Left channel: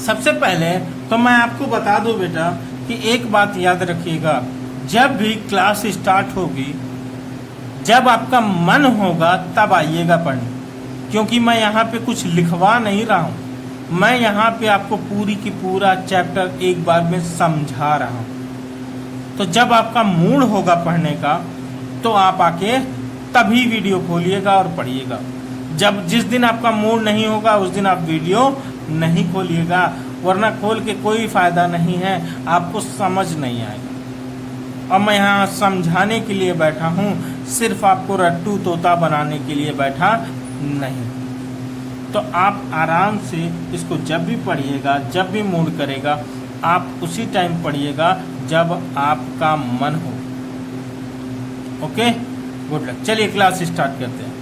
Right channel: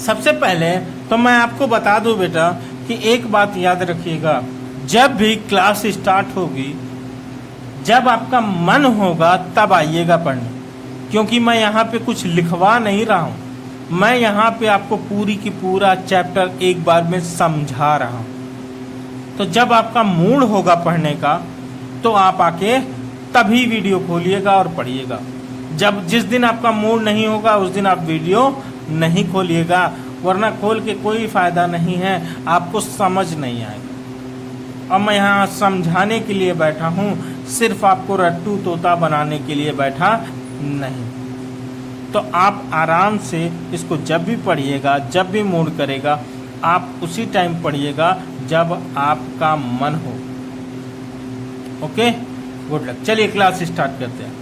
सबसे पहले तो मैं आपको बता दूं बेटा कि एक बात याद रखिएगा, जब भी क्लास स्टार्ट होगी, जब आपका मन होगा तब आइएगा पढ़ने, क्योंकि मैं यहाँ पे कुछ लिखवा नहीं रहा हूँ, मैं यहाँ पे आपको पूरी की पूरा चैप्टर एक बार में समझा रहा हूँ। तो जब आपका मूड होगा पढ़ने का तो आप आके तभी वीडियो खोलिएगा और पढ़िएगा। जब जिस दिन आपका मूड नहीं होगा उस दिन आप वीडियो नहीं खोलिएगा, वरना खोल के कोई फायदा नहीं है, आपको समझ नहीं आएगा। और मैं यहाँ समझाने के लिए बैठा हूँ, सिर्फ आपको रट्टू तोता बनाने के लिए बैठा नहीं। तो आप आराम से इसको जब भी पढ़िएगा, जब भी मूड करेगा, आप उसी टाइम पढ़िएगा जब आपका मन हो। Okay, good luck. चलिए क्लास स्टार्ट करते हैं।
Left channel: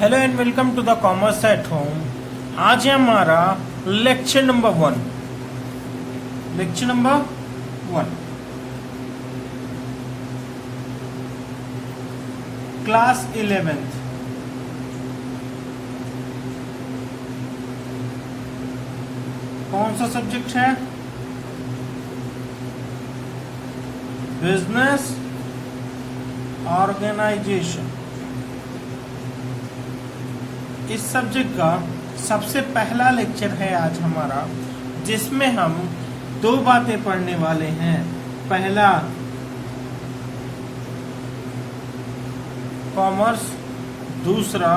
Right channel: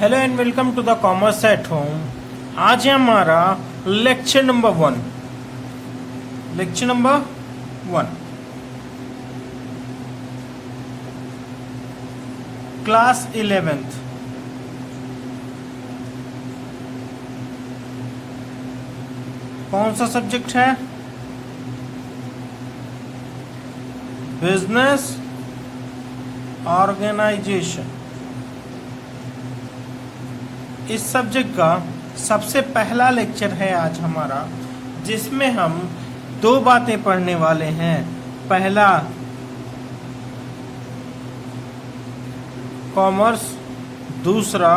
Hello and welcome to the commerce at home. आज है हमारा lecture number 1। Lecture number 1, class 11th। कौन सा सब्जेक्ट है? Business organisation. इस सब्जेक्ट का सबसे पहला लेक्चर है आज हमारा, जिसमें हम 2 बातें पढ़ने वाले हैं। पहला कॉमर्स, दूसरा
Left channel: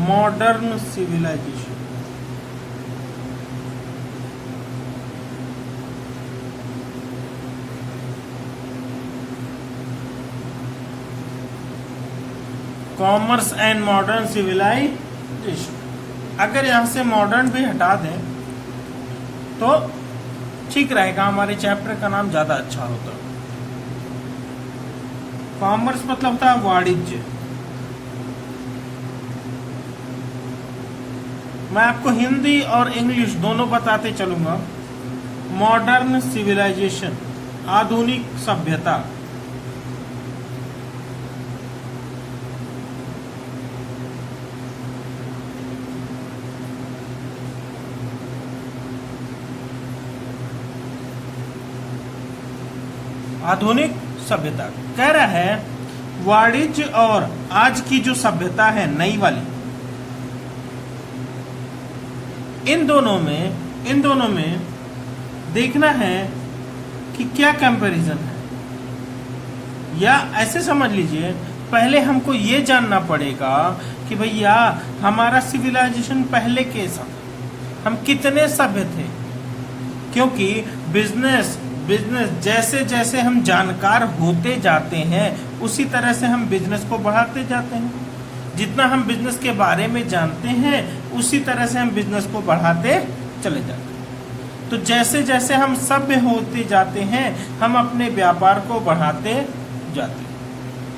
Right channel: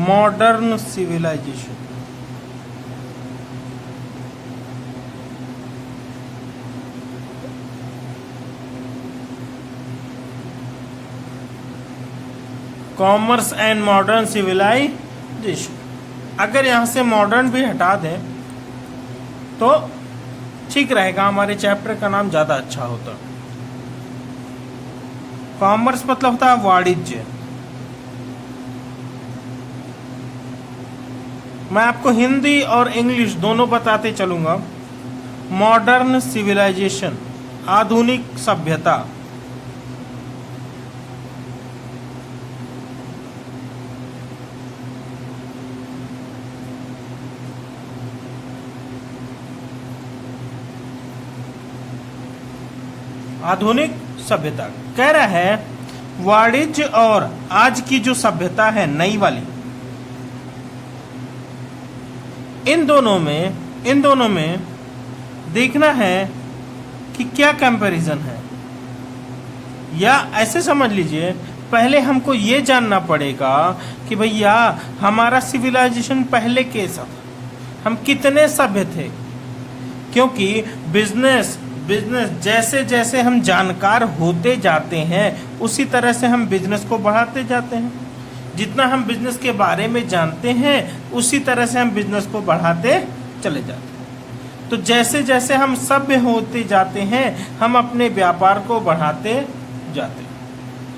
modern civilisation. Commerce and modern civilisation. अगर यहां से मॉडर्न भी हटा दें तो ठीक रहेगा, हमारे चैप्टर का नाम ज्यादा अच्छा होता। कॉमर्स मतलब होता है वाणिज्य। मैं आपको हिंदी और इंग्लिश दोनों बताते चलूंगा। मॉडर्न सिविलाइजेशन, आधुनिक सभ्यता। आधुनिक सभ्यता कह रहा है वाणिज्य और आज की जो सभ्यता है नई वाली, इन दोनों में देखना है कि क्या कंपैरिजन है। या ऐसे समझ लीजिए, पहले हमको ये जानना पड़ेगा कि भैया हमारा सिविलाइजेशन पहले कैसा था, हम कितने सभ्य थे। क्योंकि बिजनेस जैसे जैसे हम जानकार होते जाते हैं उसी तरह से हम बिजनेस को बढ़ाते जाते हैं। जितना हम बिजनेस के बारे में जानते हैं उसी तरह से हम बिजनेस को बढ़ाते चले जाते हैं। तो जैसे जैसे हम सभ्य होते जाते हैं हम अपने व्यापार को बढ़ाते जाते हैं।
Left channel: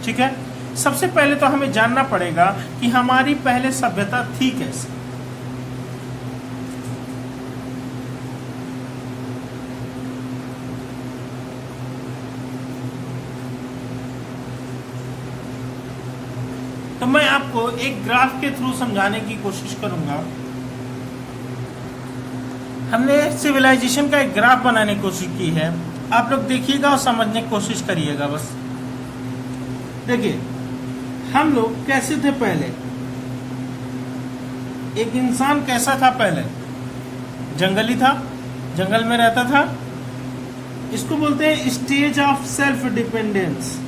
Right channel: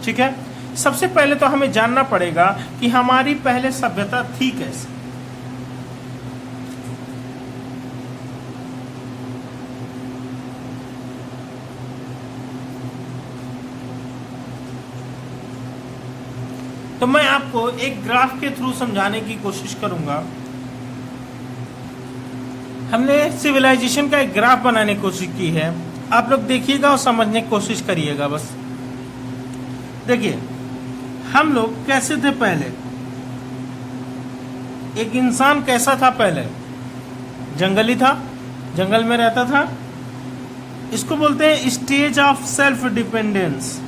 ठीक है, सबसे पहले तो हमें जानना पड़ेगा कि हमारी पहले सभ्यता थी कैसे। तो मैं आपको एक ग्राफ के थ्रू समझाने की कोशिश करूंगा। हमने सिविलाइजेशन का एक ग्राफ बनाने की कोशिश की है, आप लोग देखिएगा और समझने की कोशिश करिएगा। बस देखिए हम लोग कैसे थे पहले, एक इंसान कैसा था पहले, जंगली था, जंगल में रहता था। इसको बोलते हैं stage of self dependence.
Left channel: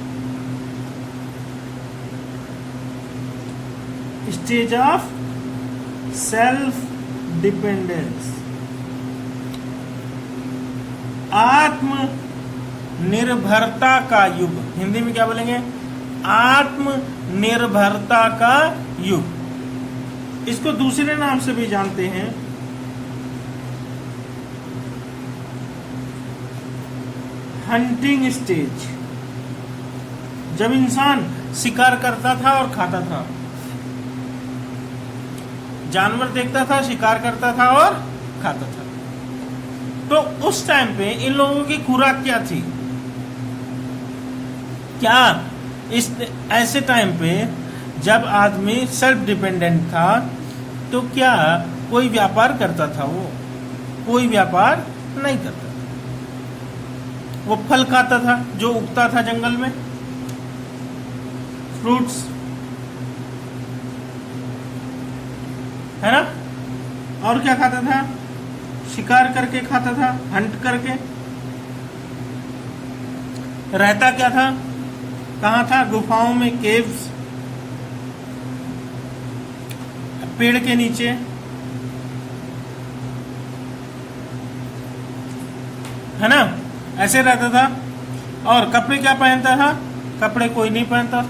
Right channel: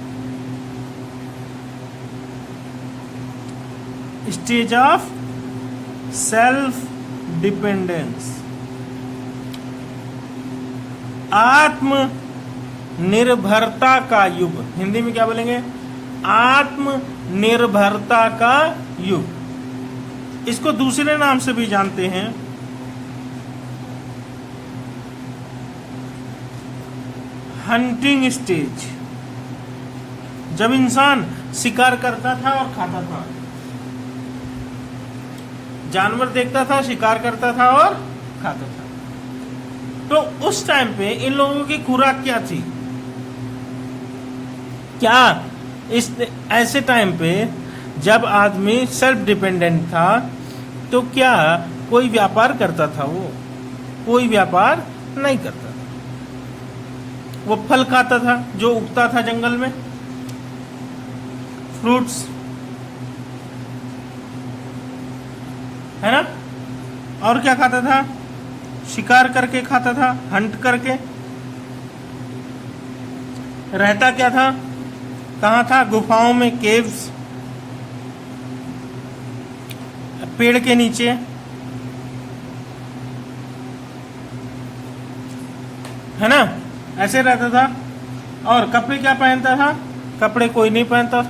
Stage of self dependence, आत्मनिर्भरता का युग। हिंदी में क्या बोलेंगे? आत्मनिर्भरता का युग। इसको दूसरे नाम से भी जानते हैं हंटिंग स्टेज, जब इंसान शिकार करता था और खाता था। जानवर देखता था, शिकार करता था और खाता था। तो उस टाइम पे इन लोगों की खुराक क्या थी? क्या इस ऐसे टाइम पे जब आदमी सेल्फ डिपेंडेंट था तो क्या कोई व्यापार करता था? वो कोई व्यापार नहीं करता था। वो फल खाता था जो उगता था जंगल में, फ्रूट्स, है ना? और क्या खाता था? शिकार करके खाता था, हंट करके। रहता क्या था? कहाँ था? गुफाओं में, केव्स, पेड़ के नीचे, है ना? ऐसे रहता था। और कपड़े क्या पहनता था? कपड़े कोई नहीं पहनता।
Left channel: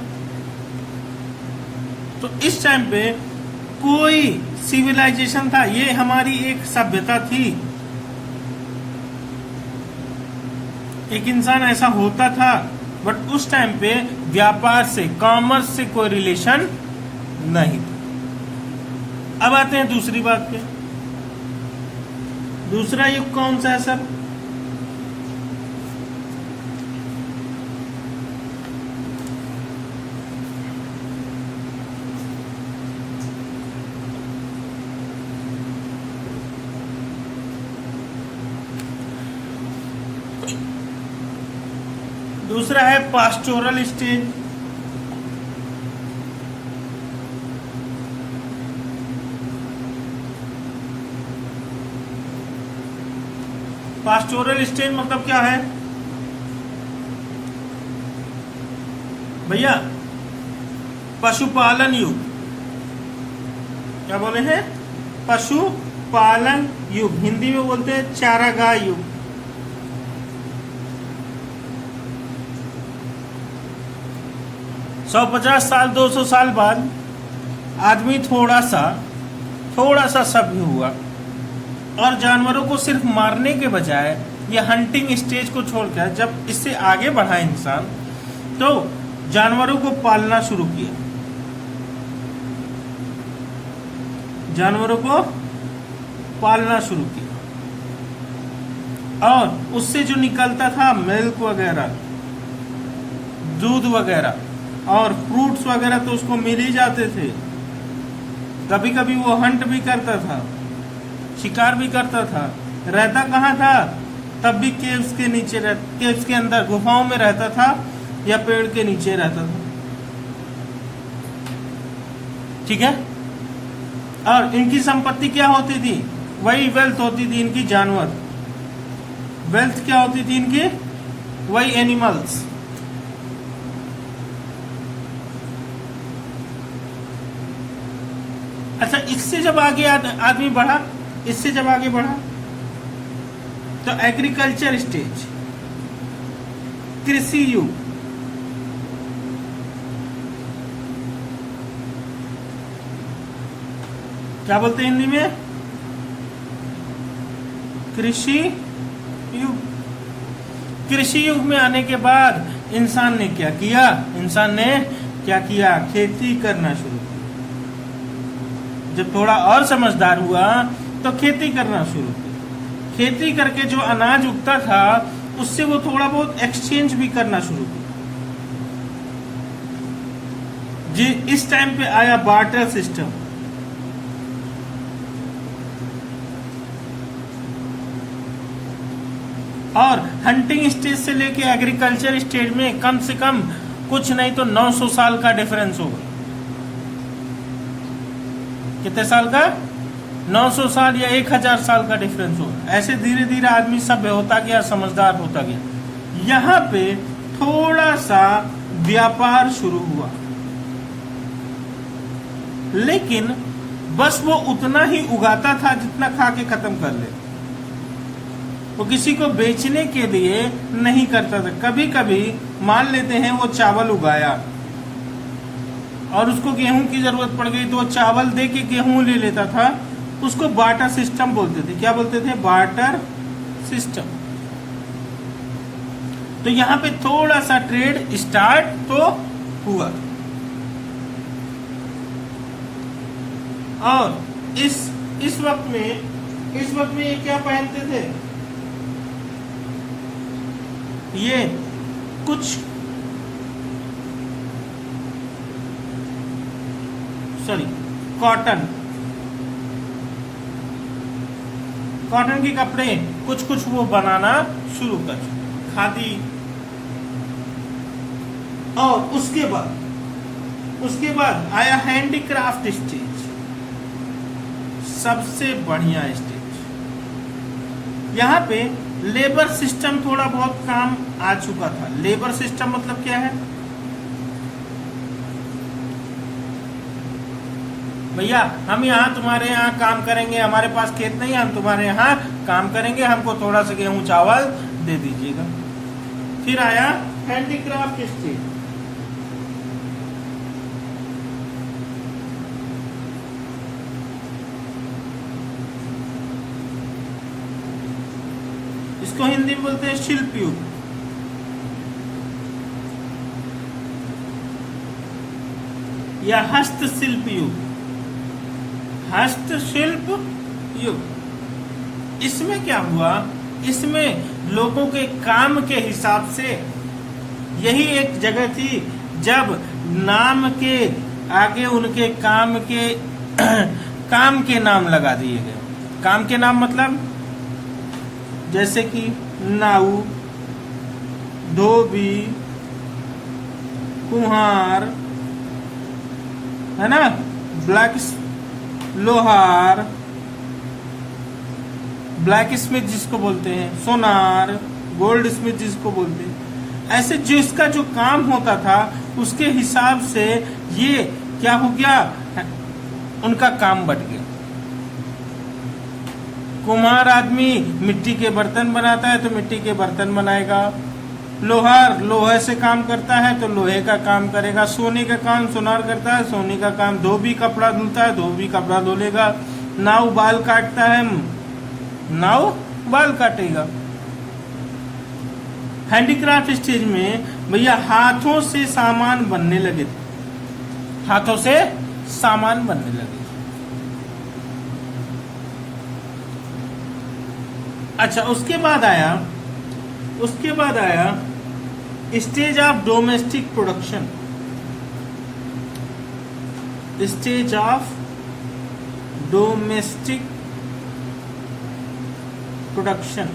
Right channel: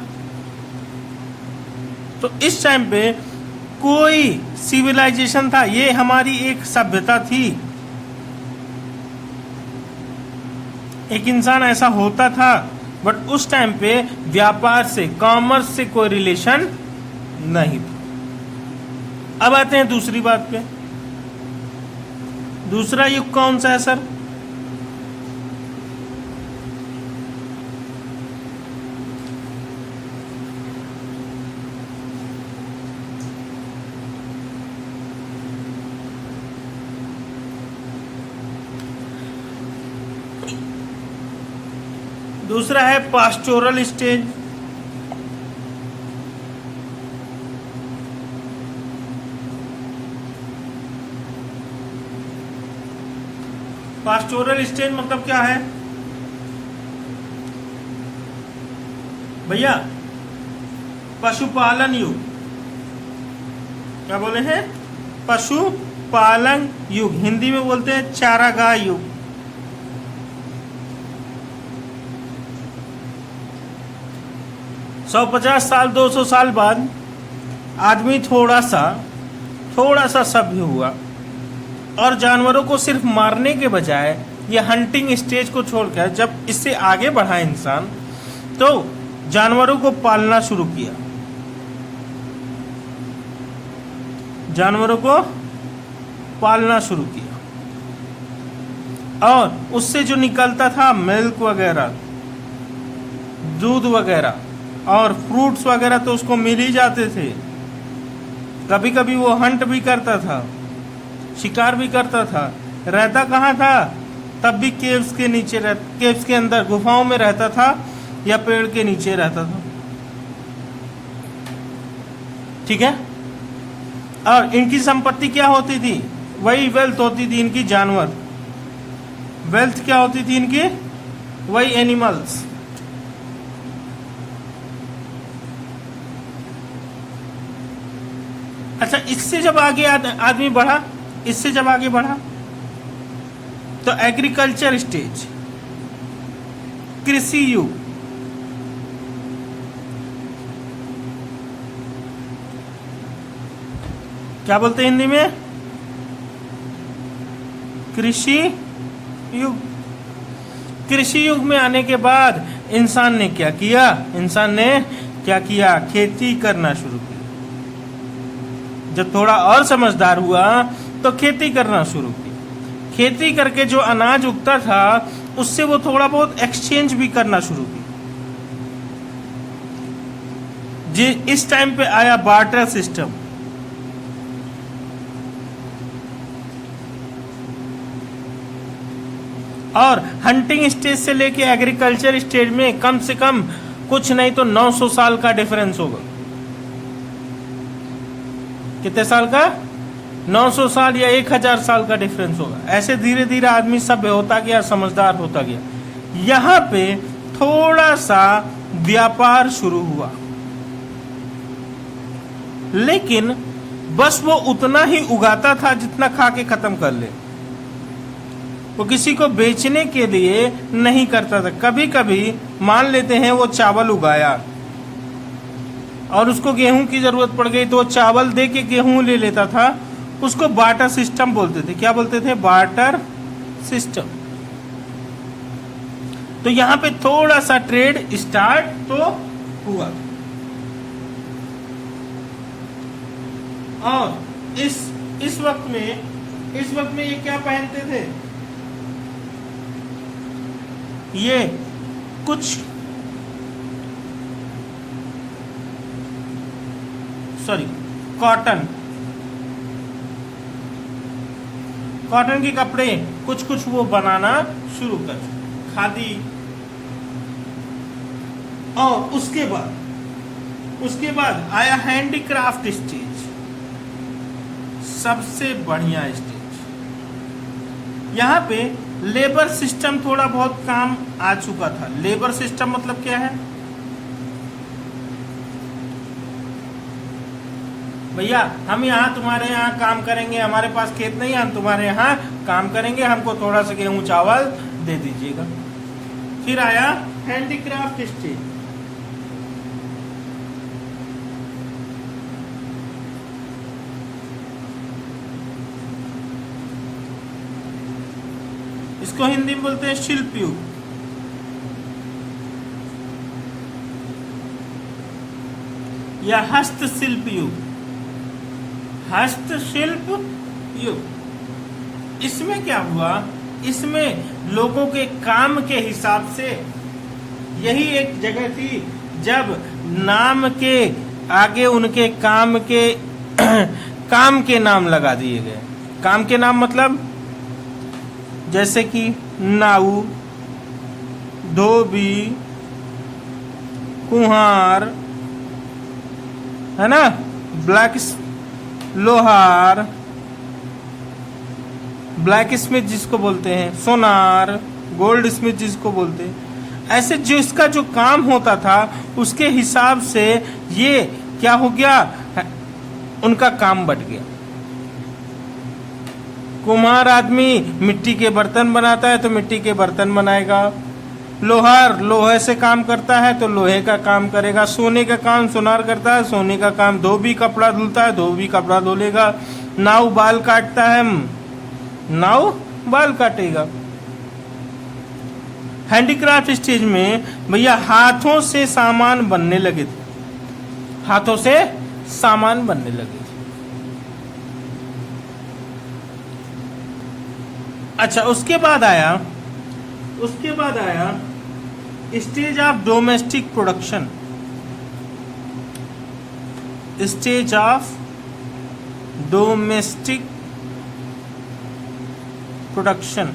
तो इस टाइम पे कोई सिविलाइजेशन था, ये हमारी एक सभ्यता थी। एक इंसान ऐसा होता था, बट उस टाइम पे व्यापार से, कॉमर्स से कोई रिलेशन नहीं था। अब आते हैं दूसरी बात पे। दूसरा युग कौन सा है सर? दूसरा है पास्टोरल स्टेज। पास्टोरल स्टेज मतलब क्या है भैया? पशुपालन युग। क्या बोले हैं? पशुपालन युग। हिंदी में बोलते हैं चारागाह युग। सौ 50 साल 200 साल बाद आदमी थोड़ा सा सभ्य हुआ और जानवरों को सिर्फ मारने के बजाय ये हंटिंग स्टेज को छोड़कर जब इससे आगे बढ़ा इंसान, तो जानवरों को पालना शुरू किया। जानवरों को पालना शुरू किया और उससे जो निकलता था मिल्क वगैरह, दूध वगैरह और फ्रूट्स वगैरह तो उसको मिल ही जाते थे। कभी कभी वो हंट भी करता था, शिकार भी करता था। रहता कहाँ था? तब भी केव्स के नीचे, केव्स के अंदर, गुफाओं में रहता था या पेड़ के नीचे रहता था। ठीक है? और इनकी संपत्ति क्या होती थी? वही वेल्थ होती थी इनकी, जानवर। वेल्थ क्या होती थी इनकी? वही एनिमल्स। अच्छा, इससे जब आगे आदमी बढ़ा, इससे जब आगे बढ़ा तो एग्रीकल्चर स्टेज, कृषि युग। क्या बोलते हैं हिंदी में? कृषि युग। कृषि युग में आने के बाद इंसान ने क्या किया? खेती करना शुरू किया। जब थोड़ा और समझदार हुआ तो खेती करना शुरू की। खेती करके जो अनाज उगता था उससे वो थोड़ा बहुत एक्सचेंज भी करना शुरू की। जी, इस टाइम पे आया बार्टर सिस्टम। और हंटिंग स्टेज से लेके एग्रीकल्चर स्टेज में कम से कम कुछ नहीं तो 900 साल का डिफरेंस होगा। कितने साल का? 900 साल या 1000 साल का डिफरेंस होगा। ऐसे धीरे धीरे आदमी सभ्य होता गया, समझदार होता गया। यहाँ पे थोड़ा सा व्यापार शुरू हुआ, लेकिन बस वो उतना ही उगाता था जितना खा के खत्म कर ले। वो किसी को बेचने के लिए नहीं करता था। कभी कभी मान लेते हैं वो चावल उगाया और उसको गेहूं की जरूरत पड़ गई तो वो चावल दे के गेहूं ले लेता था। उसको बार्टर सिस्टम बोलते थे। क्या बोलते थे? Barter system. तो यहां पे थोड़ा सा ट्रेड स्टार्ट तो हुआ। और इस वक्त में ये क्या पहनते थे? ये कुछ कॉटन के कपड़े कुछ वो बनाना शुरू करे, खादी। और उसके बाद आया हैंडीक्राफ्ट स्टेज, सबसे बढ़िया स्टेज। यहाँ पे लेबर सिस्टम थोड़ा बहुत काम आ चुका था। लेबर सिस्टम मतलब क्या है भैया? हम यहाँ तुम्हारे यहाँ काम करेंगे, हमारे पास खेत नहीं है, हम तुम्हारे यहाँ काम करेंगे, हमको थोड़ा सा गेहूं चावल दे दीजिएगा। फिर आया हैंडीक्राफ्ट स्टेज। इसको हिंदी में बोलते हैं शिल्प युग। या हस्तशिल्प युग। हस्तशिल्प युग। इसमें क्या हुआ? इसमें लोगों के काम के हिसाब से, यही एक जगह थी जब नाम के आगे उनके काम के नाम लगा दिए गए। काम के नाम मतलब जैसे कि नाऊ, धोबी, कुम्हार, है ना, लोहार, ब्लैक स्मिथ जिसको बोलते हैं, सोनार, गोल्ड स्मिथ जिसको बोलते हैं। ऐसे जिसका जो काम होता था उसके हिसाब से ये क्या हो गया, उनका काम बढ़ गया। कुम्हार आदमी मिट्टी के बर्तन बनाता है तो मिट्टी के बर्तन बनाएगा। लोहार लोहे से काम करता है तो लोहे का काम करेगा। सोने का काम सोनार करता है, सोने का काम। धोबी कपड़ा धुलता है, धोबी कपड़ा धुलेगा। नाव बाल काटता है, नाव बाल काटेगा। हैंडीक्राफ्ट स्टेज में भैया हाथों से सामान बनने लगे थे। हाथों से सामान बनने लगे थे। अच्छा, उसके बाद आया stage of domestic production. Stage of domestic production.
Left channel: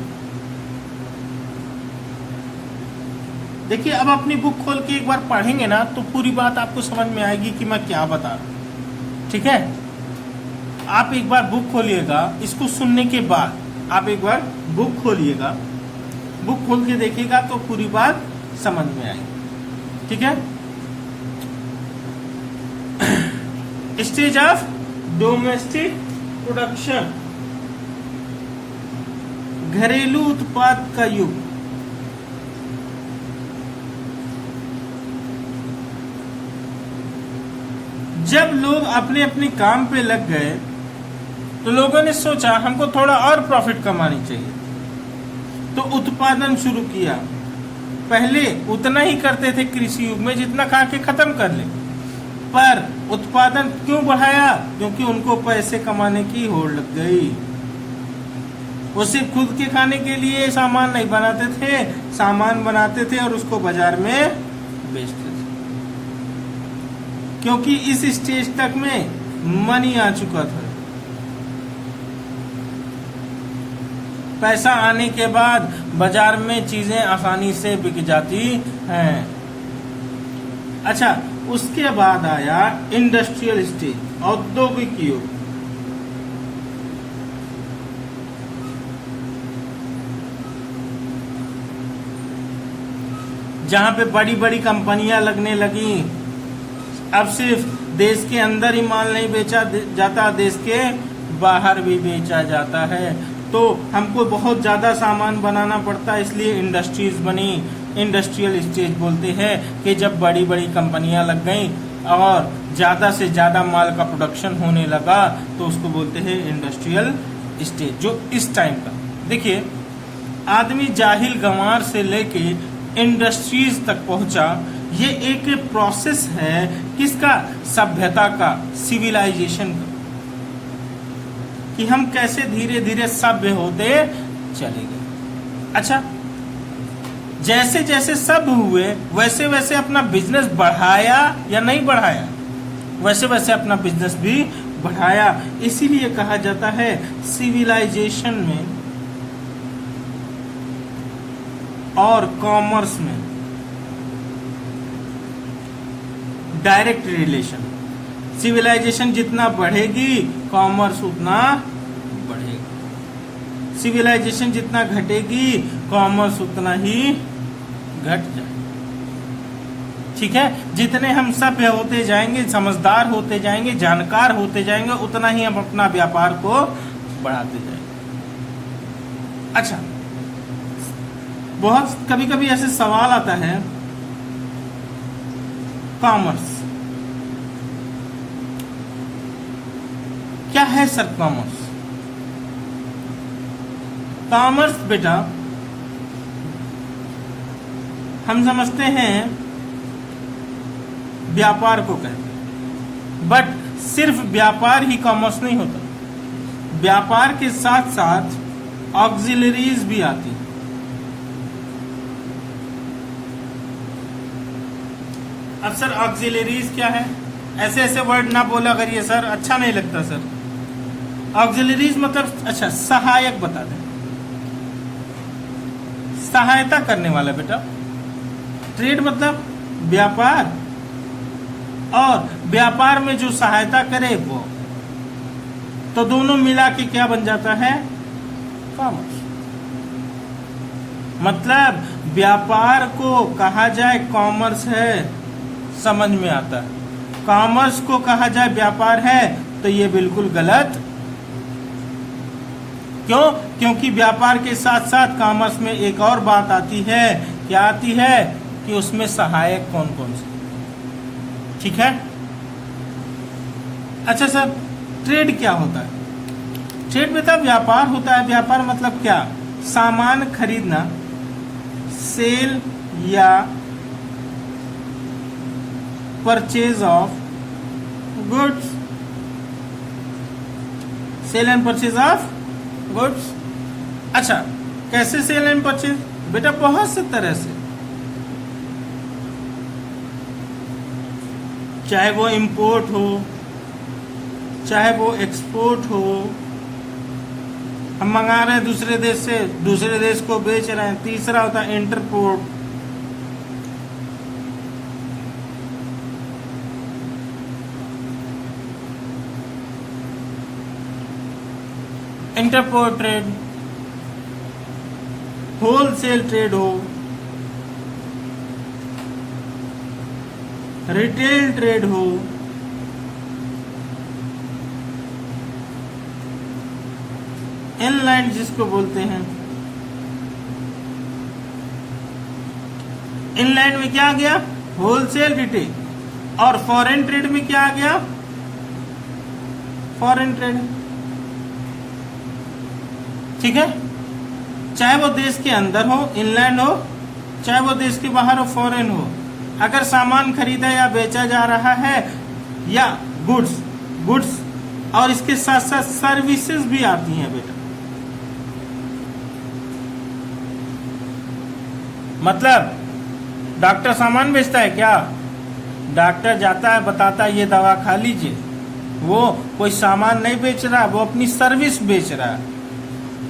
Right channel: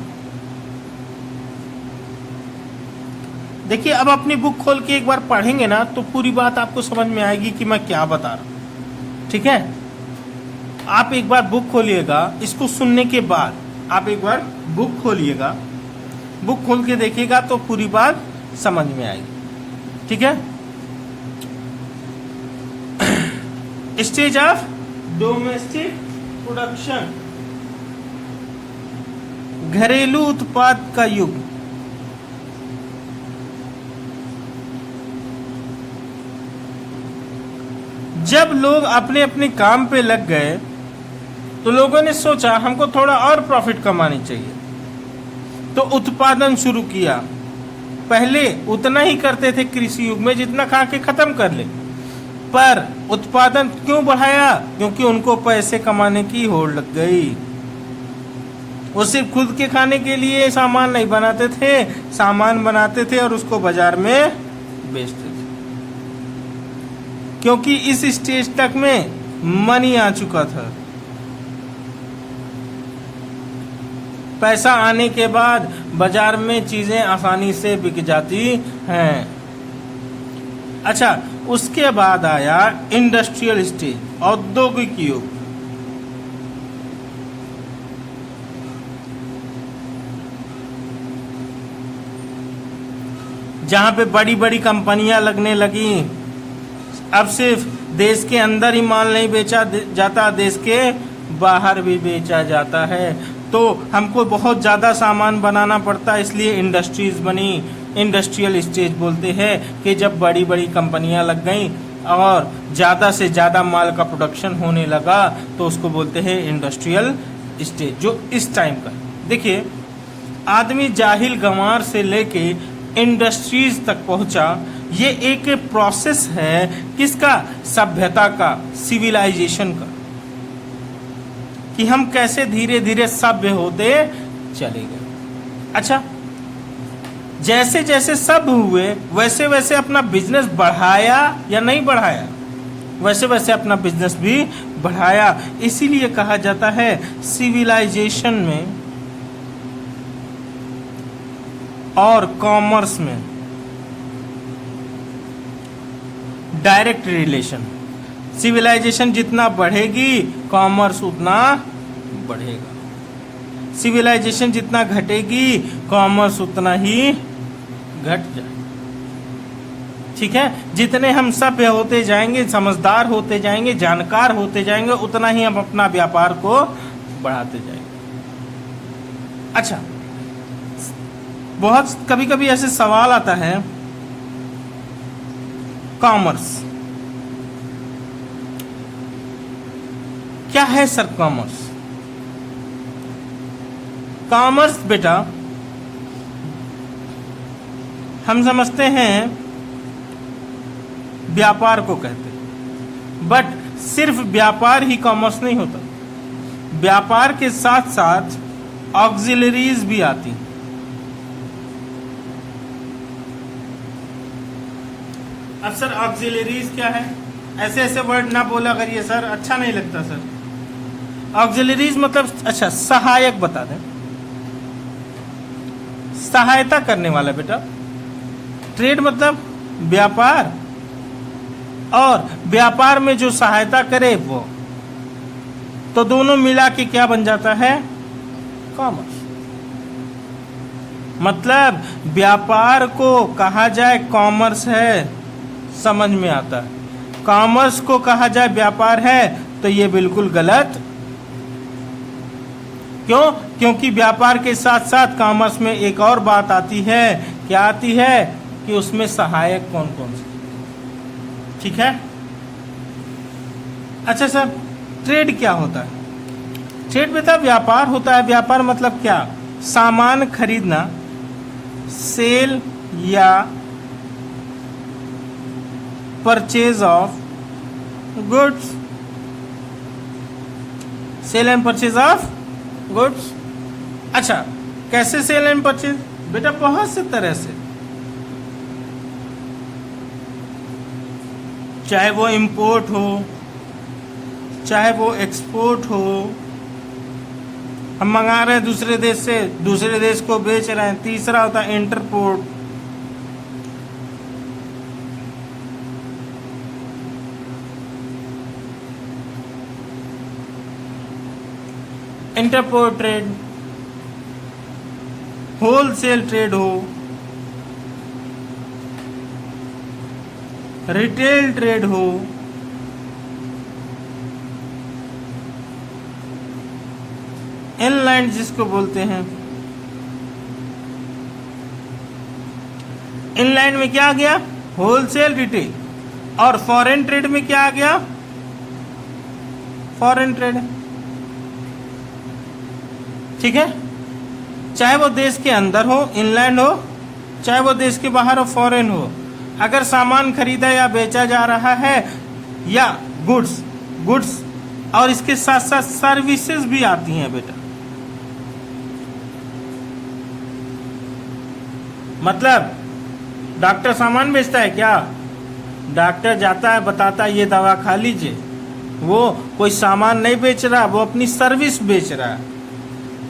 देखिए, अब अपनी बुक खोल के एक बार पढ़ेंगे ना तो पूरी बात आपको समझ में आएगी कि मैं क्या बता रहा हूं। ठीक है, आप एक बार बुक खोलिएगा, इसको सुनने के बाद आप एक बार बुक खोलिएगा, बुक खोल के देखिएगा तो पूरी बात समझ में आएगी। ठीक है, स्टेज ऑफ डोमेस्टिक प्रोडक्शन, घरेलू उत्पाद का युग। जब लोग अपने अपने काम पे लग गए तो लोगों ने सोचा हमको थोड़ा और प्रॉफिट कमानी चाहिए, तो उत्पादन शुरू किया। पहले उतना ही करते थे कृषि युग में जितना खा के खत्म कर ले, पर उत्पादन क्यों बढ़ाया? क्योंकि उनको पैसे कमाने की होड़ लग गई। वो सिर्फ खुद के खाने के लिए सामान नहीं बनाते थे, सामान बनाते थे और उसको बाजार में बेचते थे। क्योंकि इस स्टेज तक में मनी आ चुका था। पैसा आने के बाद बाजार में चीजें आसानी से बिक जाती हैं। अच्छा, उसके बाद आया इंडस्ट्रियल स्टेज, औद्योगिक युग। जहां पे बड़ी बड़ी कंपनियां लगने लगी। अब सिर्फ देश के अंदर ही माल नहीं बेचा जाता, देश के बाहर भी बेचा जाता है। तो हमको बहुत ज्यादा सामान बनाना पड़ता है, इसलिए इंडस्ट्रीज बनी। इंडस्ट्रियल स्टेज बोलते हैं कि जब बड़ी बड़ी कंपनियां लग गई और ज्यादा से ज्यादा माल का प्रोडक्शन होने लगा तो उसको बोलते हैं इंडस्ट्रियल स्टेज। जो इस टाइम का देखिए, आदमी जाहिल गंवार से लेके इंडस्ट्रीज तक पहुंचा। ये एक प्रोसेस है किसका? सभ्यता का, सिविलाइजेशन का। कि हम कैसे धीरे धीरे सभ्य होते चले गए। अच्छा, जैसे जैसे सभ्य हुए वैसे वैसे अपना बिजनेस बढ़ाया या नहीं बढ़ाया? वैसे वैसे अपना बिजनेस भी बढ़ाया। इसीलिए कहा जाता है सिविलाइजेशन में और कॉमर्स में डायरेक्ट रिलेशन। सिविलाइजेशन जितना बढ़ेगी कॉमर्स उतना बढ़ेगा, सिविलाइजेशन जितना घटेगी कॉमर्स उतना ही घट जाएगा। ठीक है, जितने हम सभ्य होते जाएंगे, समझदार होते जाएंगे, जानकार होते जाएंगे, उतना ही हम अपना व्यापार को बढ़ाते जाएंगे। अच्छा, बहुत कभी कभी ऐसे सवाल आता है, कॉमर्स क्या है सर? कॉमर्स बेटा हम समझते हैं व्यापार को कहते हैं, बट सिर्फ व्यापार ही कॉमर्स नहीं होता। व्यापार के साथ साथ ऑक्सिलरीज भी आती। अब सर ऑक्सिलरीज क्या है? ऐसे ऐसे वर्ड ना बोला करिए सर, अच्छा नहीं लगता सर। ऑक्सिलरीज मतलब, अच्छा सहायक बता दें। सहायता करने वाला बेटा। ट्रेड मतलब व्यापार, और व्यापार में जो सहायता करे वो, तो दोनों मिला के क्या बन जाता है? कॉमर्स। मतलब व्यापार को कहा जाए कॉमर्स है, समझ में आता है। कॉमर्स को कहा जाए व्यापार है तो ये बिल्कुल गलत। क्यों? क्योंकि व्यापार के साथ साथ कॉमर्स में एक और बात आती है। क्या आती है? कि उसमें सहायक कौन कौन से। ठीक है। अच्छा सर, ट्रेड क्या होता है? ट्रेड बेटा व्यापार होता है। व्यापार मतलब क्या? सामान खरीदना, सेल या purchase of goods. Sale and purchase of goods. अच्छा, कैसे सेल एंड परचेज? बेटा बहुत से तरह से, चाहे वो इंपोर्ट हो, चाहे वो एक्सपोर्ट हो। हम मंगा रहे हैं दूसरे देश से, दूसरे देश को बेच रहे हैं। तीसरा होता है interport. Interport trade, wholesale trade हो, रिटेल ट्रेड हो, इनलाइन जिसको बोलते हैं। इनलाइन में क्या आ गया? Wholesale, retail. और फॉरेन ट्रेड में क्या आ गया? Foreign trade. ठीक है, चाहे वो देश के अंदर हो, इनलैंड हो, चाहे वो देश के बाहर हो, फॉरेन हो। अगर सामान खरीदा या बेचा जा रहा है, या गुड्स और इसके साथ साथ सर्विसेज भी आती हैं बेटा। मतलब डॉक्टर सामान बेचता है क्या? डॉक्टर जाता है, बताता है ये दवा खा लीजिए। वो कोई सामान नहीं बेच रहा, वो अपनी सर्विस बेच रहा है।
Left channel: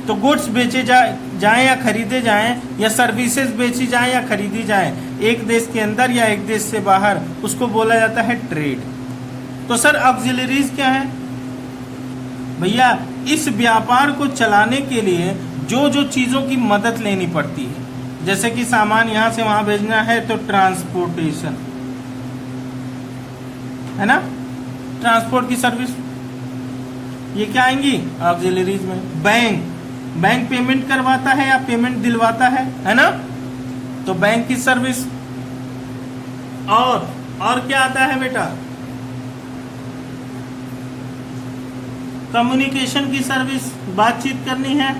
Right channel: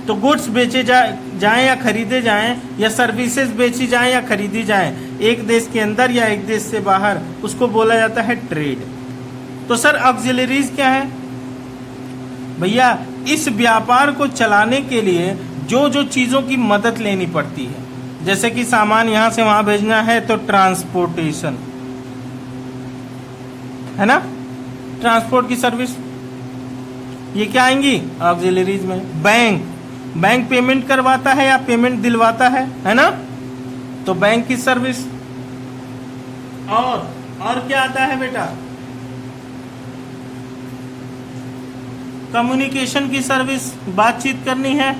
तो गुड्स बेचे जाएं या खरीदे जाएं, या सर्विसेज बेची जाएं या खरीदी जाएं, एक देश के अंदर या एक देश से बाहर, उसको बोला जाता है ट्रेड। तो सर ऑक्सिलरीज क्या है? भैया इस व्यापार को चलाने के लिए जो जो चीजों की मदद लेनी पड़ती है, जैसे कि सामान यहां से वहां भेजना है तो ट्रांसपोर्टेशन है ना, ट्रांसपोर्ट की सर्विस, ये क्या आएंगी? ऑक्सिलरीज में। बैंक पेमेंट करवाता है या पेमेंट दिलवाता है ना, तो बैंक की सर्विस। और क्या आता है बेटा? कम्युनिकेशन की सर्विस, बातचीत करनी है,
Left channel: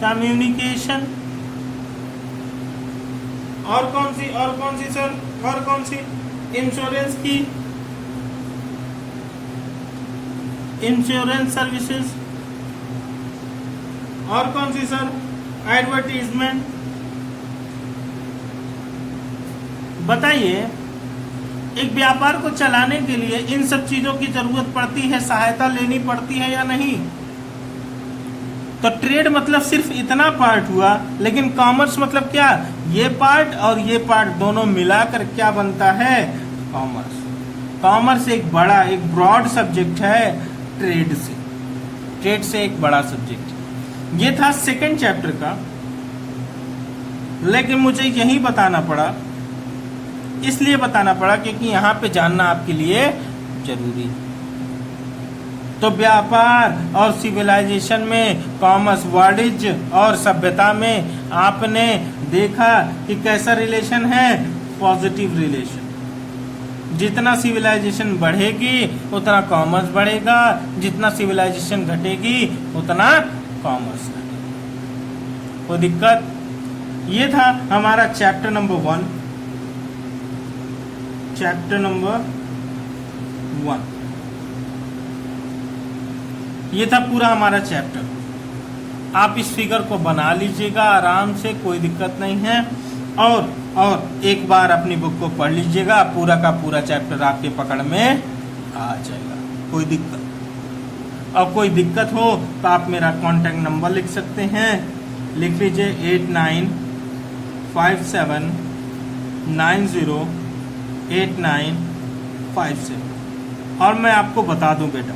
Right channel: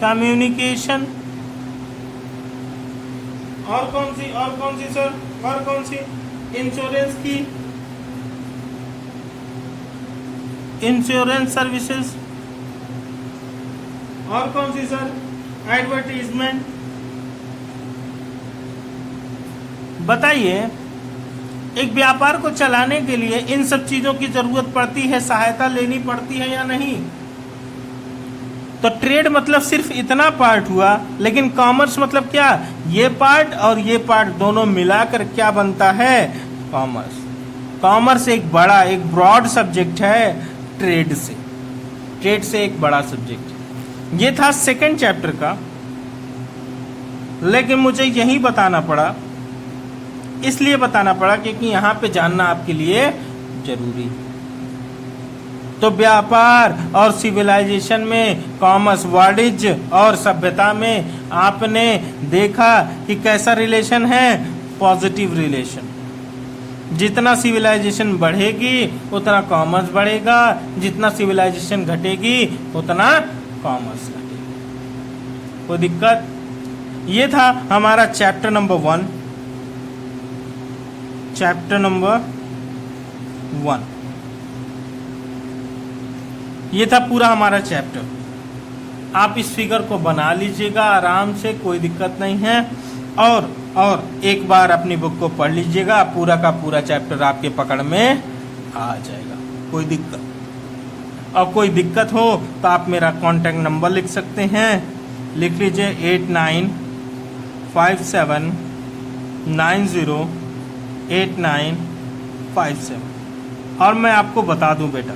कम्युनिकेशन। और कौन सी सर? और कौन सी? इंश्योरेंस की, इंश्योरेंस सर्विसेज, और कौन सी सर, एडवर्टीजमेंट। बताइए, एक व्यापार को चलाने के लिए इन सब चीजों की जरूरत पड़ती है, सहायता लेनी पड़ती है या नहीं? तो ट्रेड मतलब सिर्फ इतना पार्ट हुआ, लेकिन कॉमर्स मतलब क्या, ये पार्ट और ये पार्ट दोनों मिलाकर क्या बनता है, कॉमर्स। कॉमर्स एक बड़ा, एक ब्रॉड सब्जेक्ट है ट्रेड से एक बड़ा सब्जेक्ट। ये था सेकंड चैप्टर का, लेकिन मुझे यही बताना पड़ा, इसलिए बताना पड़ा क्योंकि यहां पे जानना आपके लिए जरूरी है। तो व्यापार और सिविलाइजेशन में कॉमर्स, वाणिज्य और सभ्यता में आपने देखा कि कैसा रिलेशन है, पॉजिटिव रिलेशन। जितना सिविलाइजेशन बढ़ेगी उतना कॉमर्स बढ़ेगा, जितना सिविलाइजेशन घटेगी उतना कॉमर्स घटेगा। कोई दिक्कत? ये था हमारा चैप्टर नंबर 1, चैप्टर नंबर 1। ये था पूरा हमारा चैप्टर। आप इस फिगर को बना लीजिएगा आराम से, कोई दिक्कत नहीं है। और एक बार अपनी बुक को पढ़ लीजिएगा, पूरा का पूरा चैप्टर आपके पकड़ में आ जाएगा। कोई दिक्कत, और कोई दिक्कत हो तो आप मेरा कांटेक्ट नंबर लिख सकते हैं, लिख लीजिए 8957908957। और मैं आपको बता दूं बेटा,